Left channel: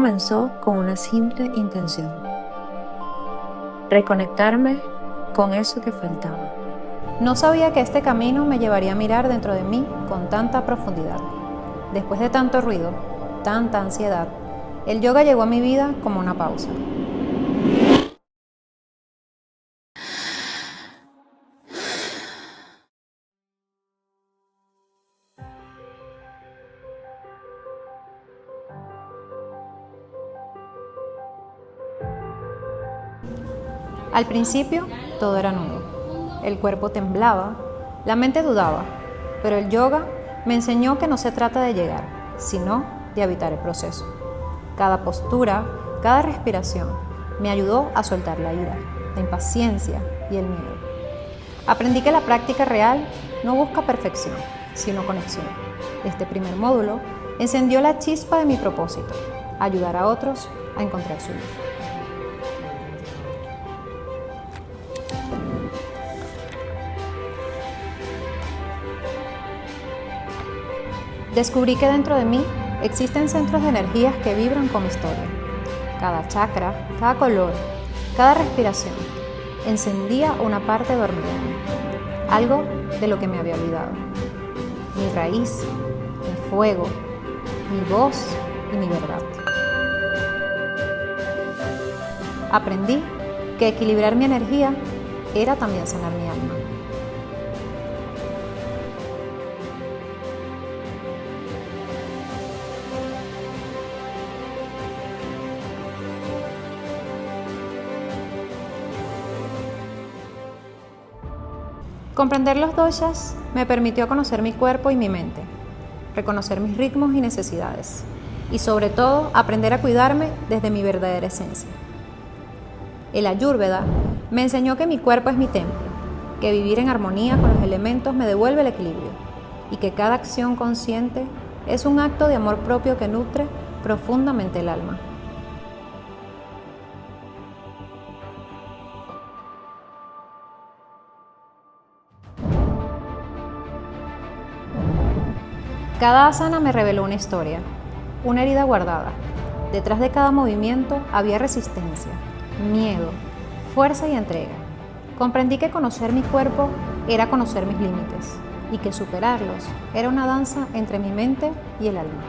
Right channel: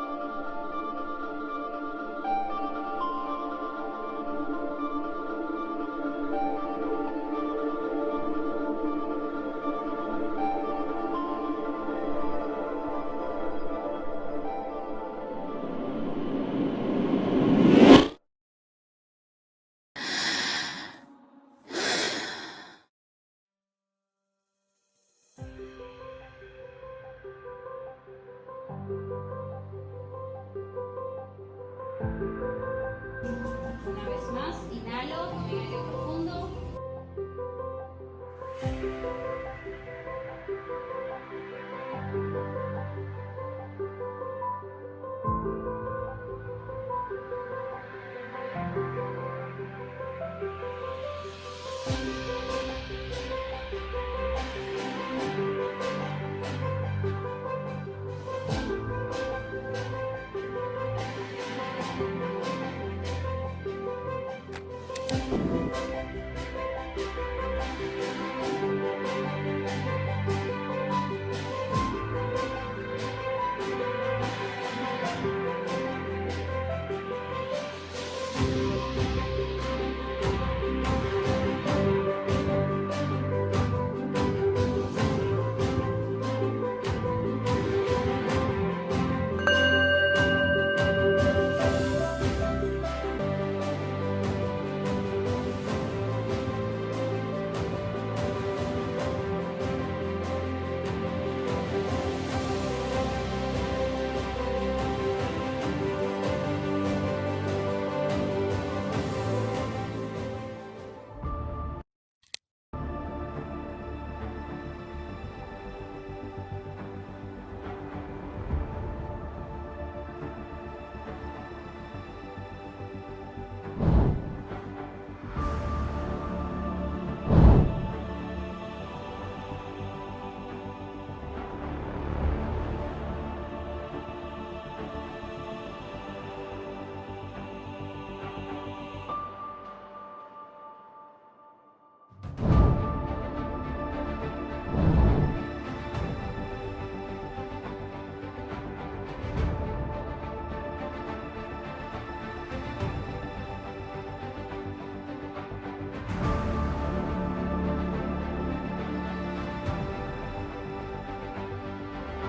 comenzó con una simple intención: reconectarme con eso que faltaba. No sabía que este camino me llevaría a mirar dentro de mí con tanta profundidad. Después de tanto ruido, tanta ansiedad, el yoga llegó a mi vida como una pausa. Al principio, todo era nuevo. El cuerpo temblaba, la mente dudaba, pero el yoga me enseñó que no se trata de llegar, sino de habitar el proceso. Cada postura, cada respiración me ayudó a soltar la ira, la impaciencia y el miedo. Aprendí que la práctica real no busca perfección, sino conexión. Este primer módulo encendió la chispa de mi propósito: ayudar a otros a encontrar su vida. Descubrí que dentro de mí existen centros de energías que vibran con mi historia. Cada chakra, cada color, cada respiración encendía una parte dormida, algo de lo que me había olvidado. Mi raíz, mi fuego, mi voz y mi verdad. Aprendí que equilibrar mi energía era también sanar mi alma. Comprender los doshas me permitió conocer mi cuerpo y mi mente, reconocer mis ritmos y necesidades, y sobre todo aprender a cuidarme desde mi verdadera esencia. El Ayurveda me enseñó que mi cuerpo es mi templo, que vivir en armonía con los elementos me devuelve el equilibrio, y que cada acción consciente es un acto de amor propio que nutre profundamente el alma. Cada asana me reveló una historia, una herida guardada. Detrás de cada movimiento había resistencia, miedo, fuerza y entrega. Comprendí que conocer mi cuerpo era conocer mis límites y que superarlos era una danza entre mi mente y el alma.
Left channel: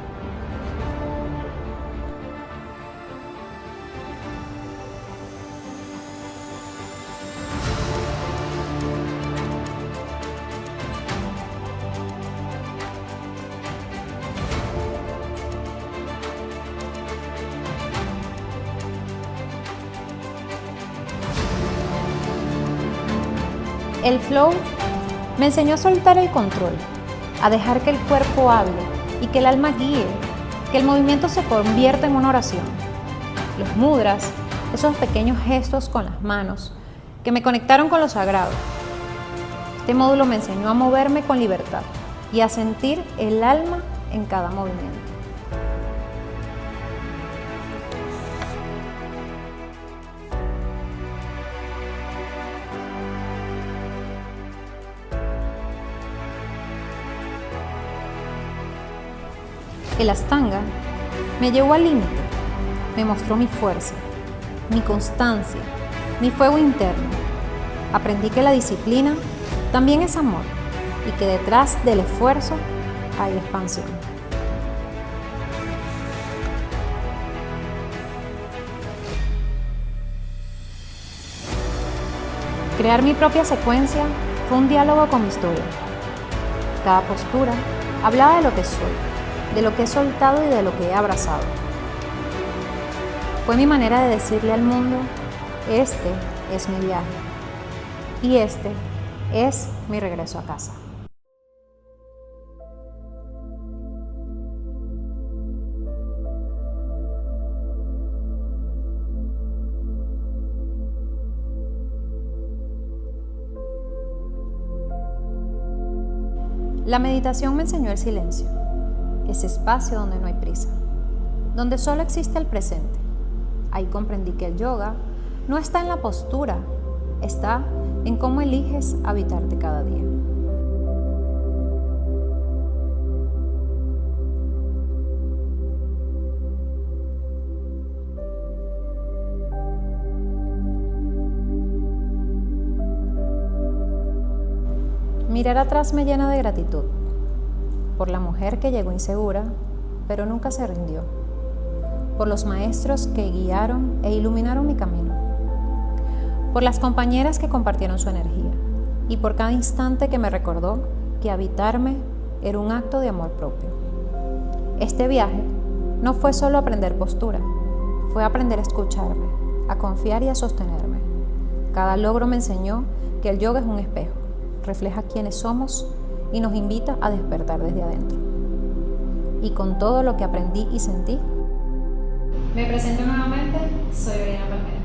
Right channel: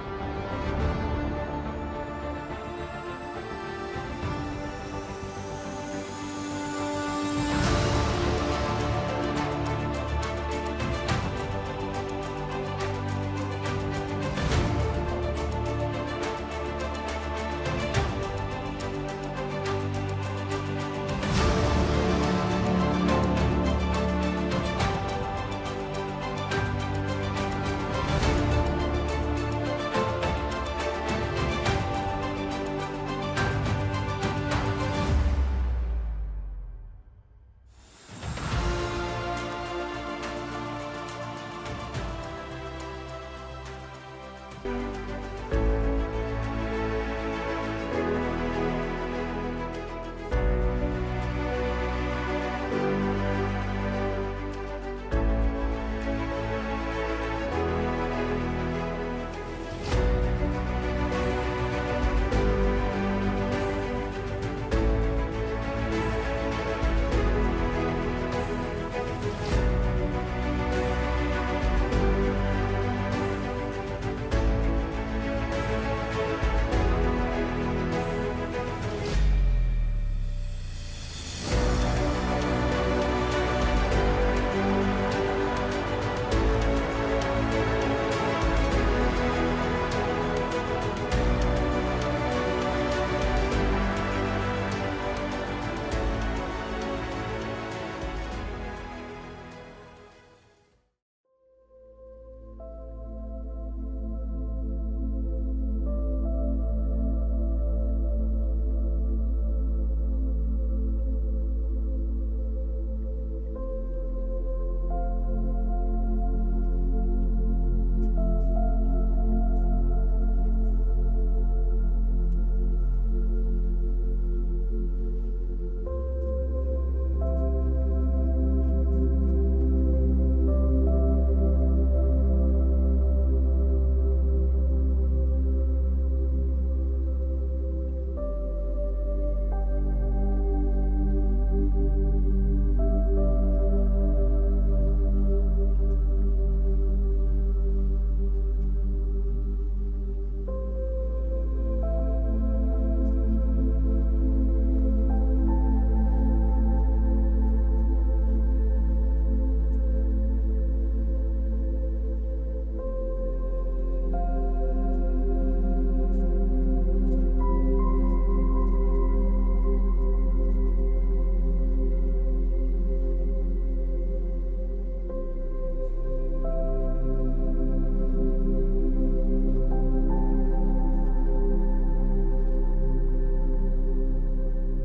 El flow me enseñó a soltar el control, a dejar que el cuerpo hable y que el alma guíe, que el movimiento se convierta en una oración. Los mudras, esos pequeños gestos con las manos que me conectaron con lo sagrado. Este módulo me enseñó a moverme con libertad y a sentir el alma en cada movimiento. El Ashtanga me llevó al límite, me mostró mi fuerza, mi constancia, mi fuego interno. Aprendí que la disciplina también es amor y que detrás del esfuerzo hay expansión. Crear mi propia secuencia fue un diálogo con mi historia. Cada postura hablaba de lo que soy, de lo que he soltado y de lo que he abrazado. Fue mi manera de decirle al mundo: este es mi viaje y este es mi regreso a casa. La meditación me enseñó el silencio, ese espacio donde no hay prisa, donde solo existe el presente. Ahí comprendí que el yoga no está en la postura, está en cómo eliges habitarte cada día. Mirar atrás me llena de gratitud por la mujer que llegó insegura, pero nunca se rindió, por los maestros que guiaron e iluminaron mi camino, por las compañeras que compartieron su energía y por cada instante que me recordó que habitarme era un acto de amor propio. Este viaje no fue solo aprender postura, fue aprender a escucharme, a confiar y a sostenerme. Cada logro me enseñó que el yoga es un espejo, refleja quiénes somos y nos invita a despertar desde adentro. Y con todo lo que aprendí y sentí, me presento nuevamente, soy Oriana Palmera.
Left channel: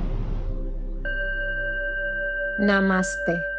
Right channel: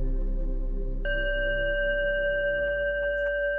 Namaste.